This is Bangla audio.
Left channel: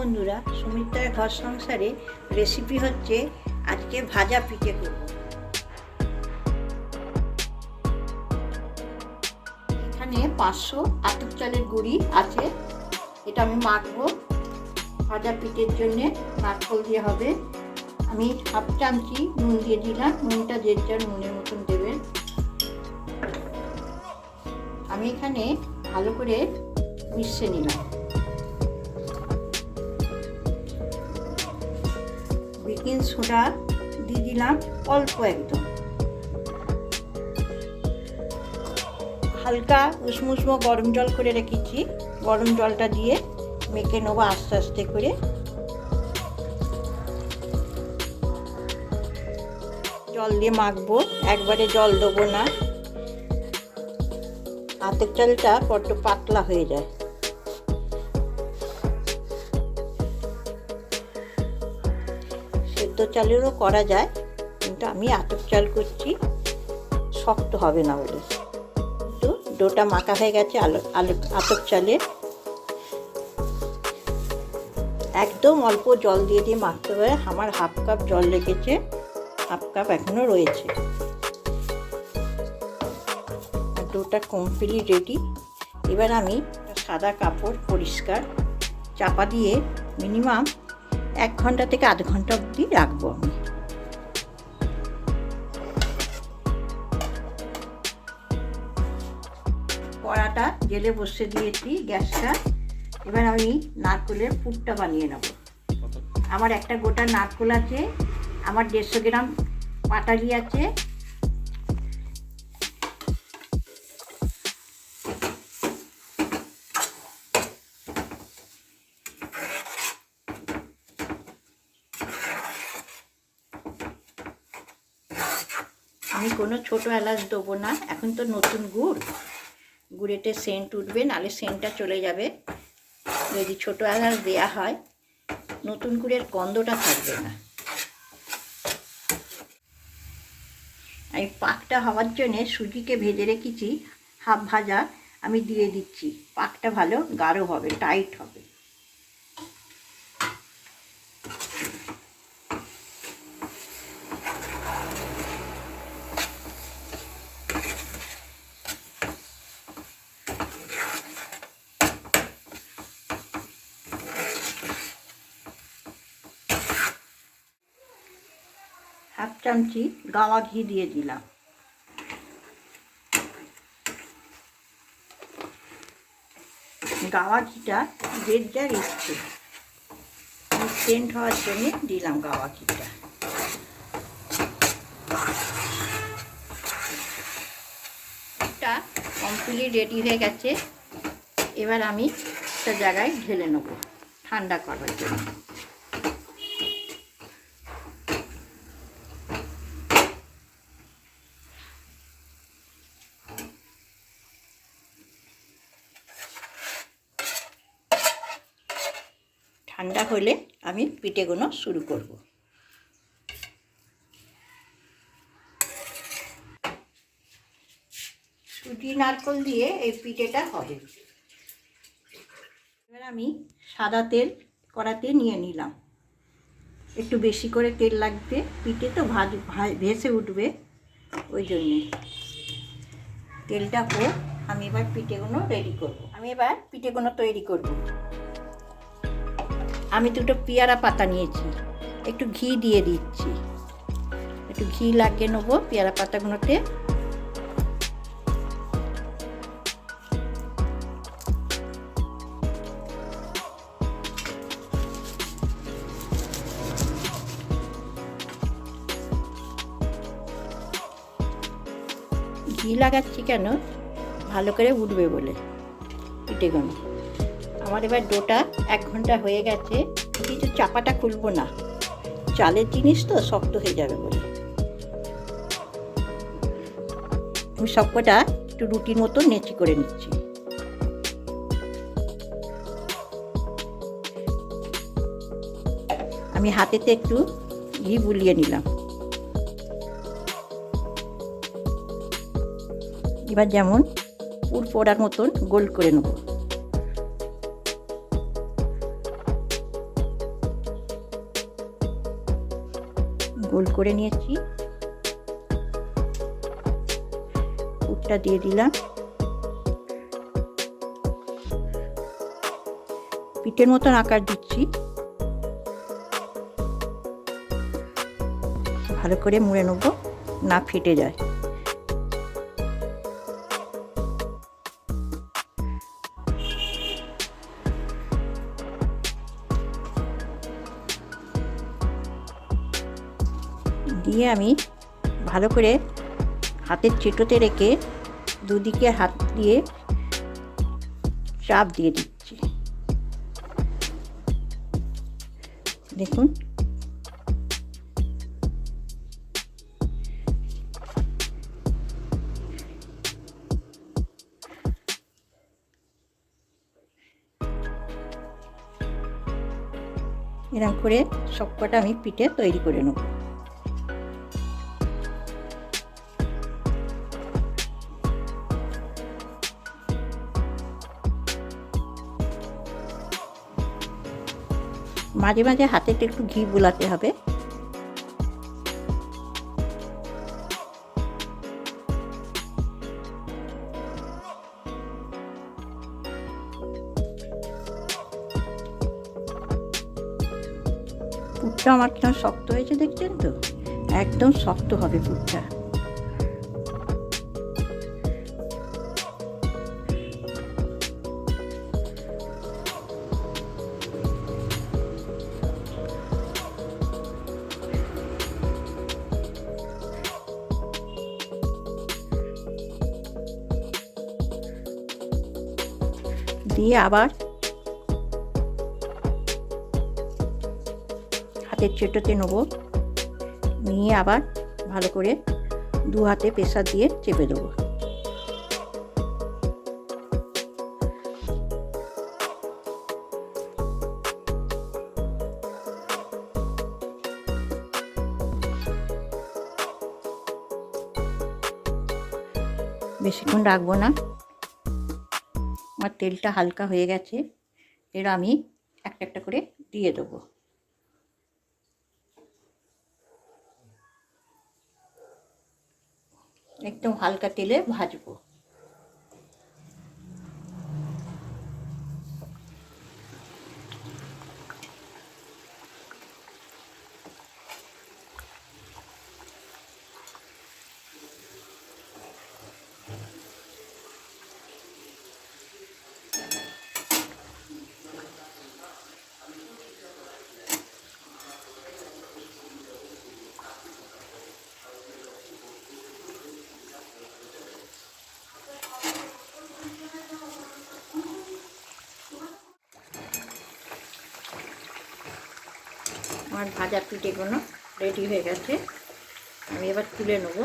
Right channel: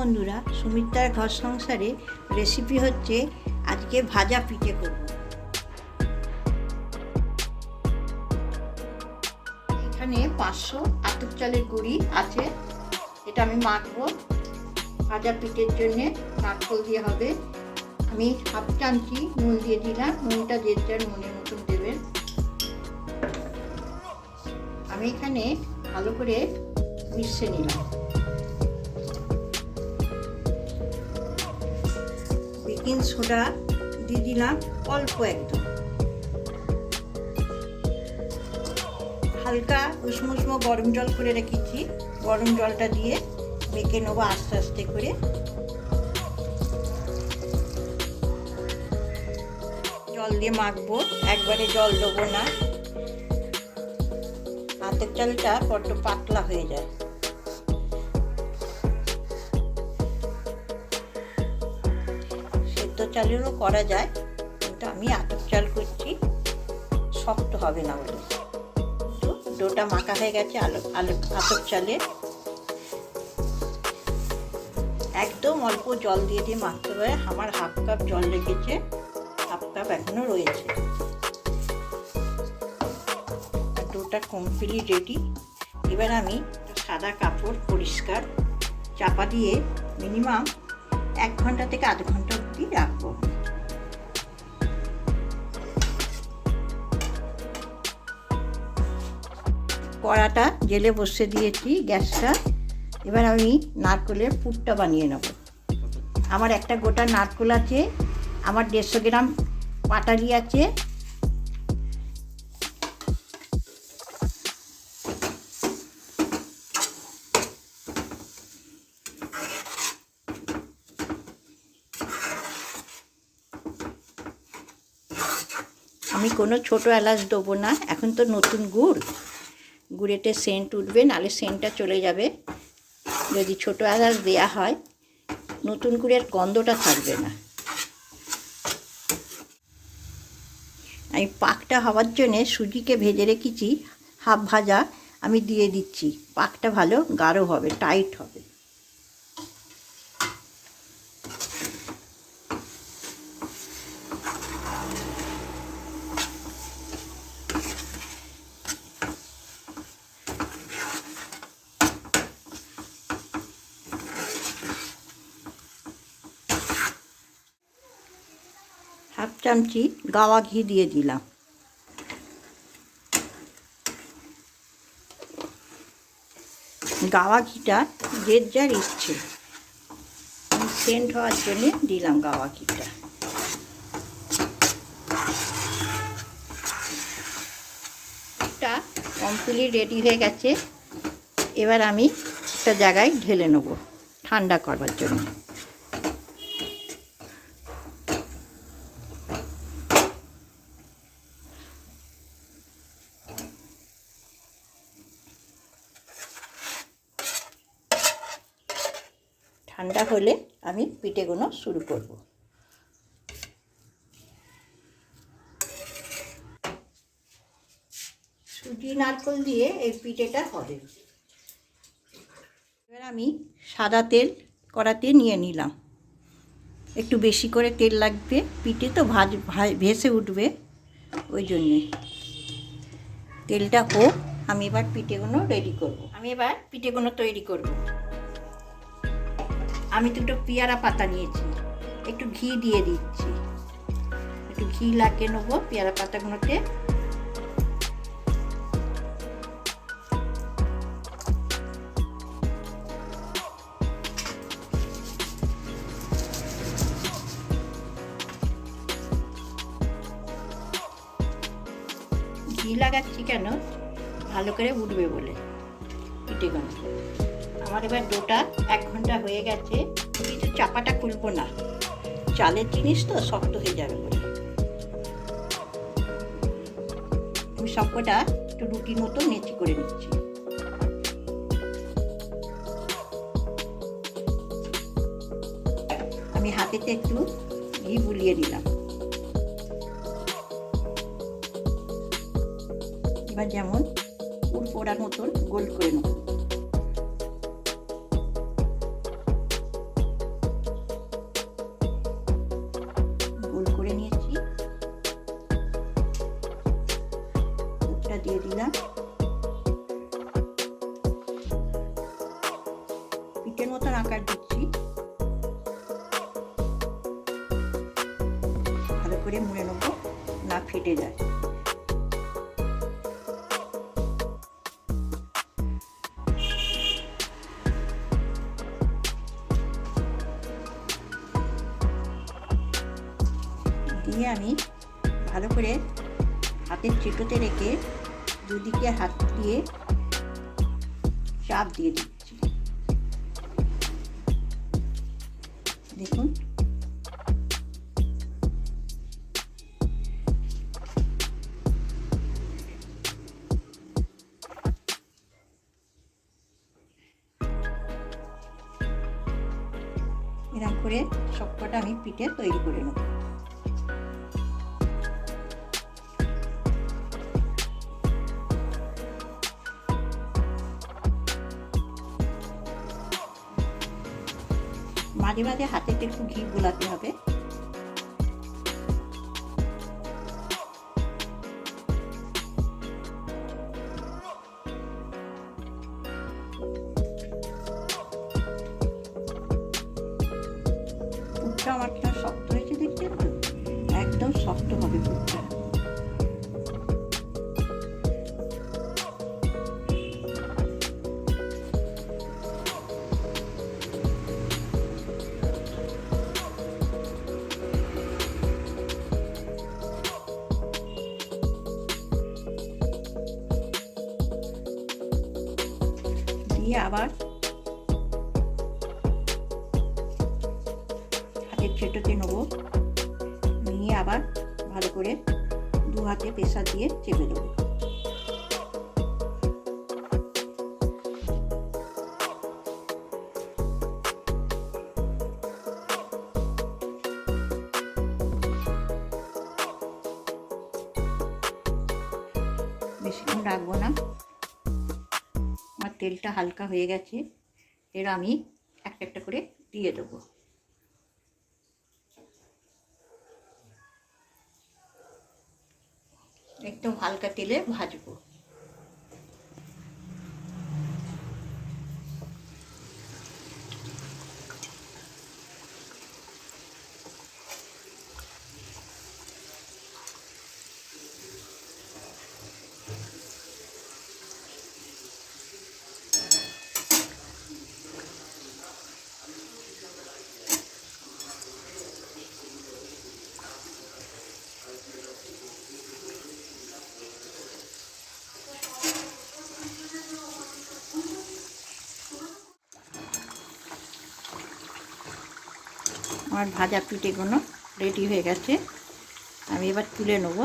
বন্ধুরা সুমিত্রার ঘর সংসারে রেসিপি হচ্ছে আজকে ভাজা পিঠে করব। এখানে পাঁচশো আতপ চালের গুঁড়ি আছে, এটা আমি মাখবো। ভাজা পিঠের জন্যে নারকল দিয়ে হবে। আমি হাফ চামচি নুন দিয়ে দিলাম, নুনটা যে যার নুনের মতন দেবেন। আমি এখানে ভালো করে মিশিয়ে নিলাম। বেকিং সোডা দিয়ে দিলাম অল্প একদম। হালকা উষ্ণ উষ্ণ গরম জল করে রেখেছি। গরম জলটা দিয়ে মেখে নেব আস্তে আস্তে করে। জল দিয়ে মাখবো, একবারে জল দেবো না। হাতের চালটা বড্ড পাতলা হয়ে যায়। চালেরও করা যায়, কিন্তু আমি আতপ চাল করছি, শক্ত হবে না বলে তো ডোটা মাখা হয়ে গেছে আলো, আলু, আতপ চালে। একদম অল্প জল দিয়ে দিয়ে মাখতে হবে, আমার হাফ কাপ জল রেখেছে, হাফ কাপ এখনও রয়েছে। ডোটা কমপ্লিট রেডি। এবার আমি সাদা কাপড় পরিষ্কার চাপা দিয়ে মিনিমাম এক ঘণ্টা থেকে আধ ঘণ্টা অবধি রাখব। কড়াটা জেলে বসে দিয়েছি গ্যাসটা। এবার আমি নারকোলের পুরটা বানিয়ে নেব। আমার একটা গোটা নারকোল আছে, আমার দেড়শো গ্রাম পাটালি আছে আমি কোনো ছোট এলাচ দেবো না। এখন তো নতুন গুড়। গুড়েতে সেন্ট উঠবে, নালে সেন্টটা চলে যাবে। যদি ছোট এলাচ দেয়া হয়, নতুন গুড়ের গন্ধটা থাকবে না। আমি পাকটা হওয়ার জন্যে সুজিকে ভেজে রেখেছি, হাফ ভাজা। আমি দিয়ে দিচ্ছি। পাকটা ভালো, গাঢ় হবে টাইট হবে হাফ চামচি গাওয়া ঘি দিয়ে দিলাম। গাওয়া ঘিটা যে যার ইচ্ছে সেন্ট হওয়ার জন্যে দিলাম গাওয়া ঘিটা। কমপ্লিট রেডি হয়ে গেছে। এবার আমি একটা জায়গায় ঢেলে নেব ঠান্ডা করার জন্য। ঠান্ডা হলে আমি পিঠেগুলো শুরু করব। সুজি নারকল দিয়ে এই পিঠেটা হবে। এবার আমি সাদা তেল কড়াতে নিয়ে নিলাম। একটু বেশি করে তেল লাগবে, পিঠে তো ভাজ, ভেসে উঠবে ওই জন্যে। তেলটা হোক, আমি এবার পিঠেগুলো রেডি করব। আমি এবার পিঠেগুলো তৈরি করব। আমি দুটো পেয়ারা পাতা নিয়েছি। একটু ঘি দিয়ে দিচ্ছি। একটু ঘি লাগিয়ে নেব পেয়ারা পাতাগুলোতে। ঘি লাগাচ্ছি কেন? ভালো করে উঠবে বলে। পিঠেগুলো আমার এবার ডোটা এক ঘণ্টা হয়ে গেছে কিন্তু চাপাটা খুলবো না। চালের জিনিস তো শক্ত হয়ে যাবে বলে। আমি সবকটা একটু রুটির মতো নেচি করে নিচ্ছি। আমি হাতেতে একটু ঘি বুলিয়ে নিলাম। এবার যেমন পুর পোড়ার মতন গোল করে নেব। গোল করে নিয়েছি। পুরটা দিয়ে দিলাম। পিঠের মতন আকার দিচ্ছি। ভালো করে মুড়ে নেব, না ফেটে যায়। দিয়ে আমি ভালো করে হাতের চেটোতে রেখে দুদিকে হাত দিয়ে চাপ দিয়ে দিচ্ছি। দেখুন। এরকম করে সবকটা আমি পিঠে তৈরি করে নেব। মাঝে মাঝে হাতে একটু ঘি বুলাতে হবে। আমার কেমন শক্ত হয়েছে, দেখছেন তো? একদম শক্ত হবে পুরটা দিয়ে আবার হাতের চেটোতে নেব। নিয়ে আবার ভালো করে দু হাতে প্রেসার দিয়ে চেপে দেবো। বেশিক্ষণ রাখব না। আমার তেলটা হালকা হয়ে গেছে, এর আমি একটা একটা করে দিয়ে দেবো। একদম হালকা তেলে ভাজবো। আমার ভাজা পিঠেগুলো রেডি হয়ে গেছে। আমি এবার তুলে নেব।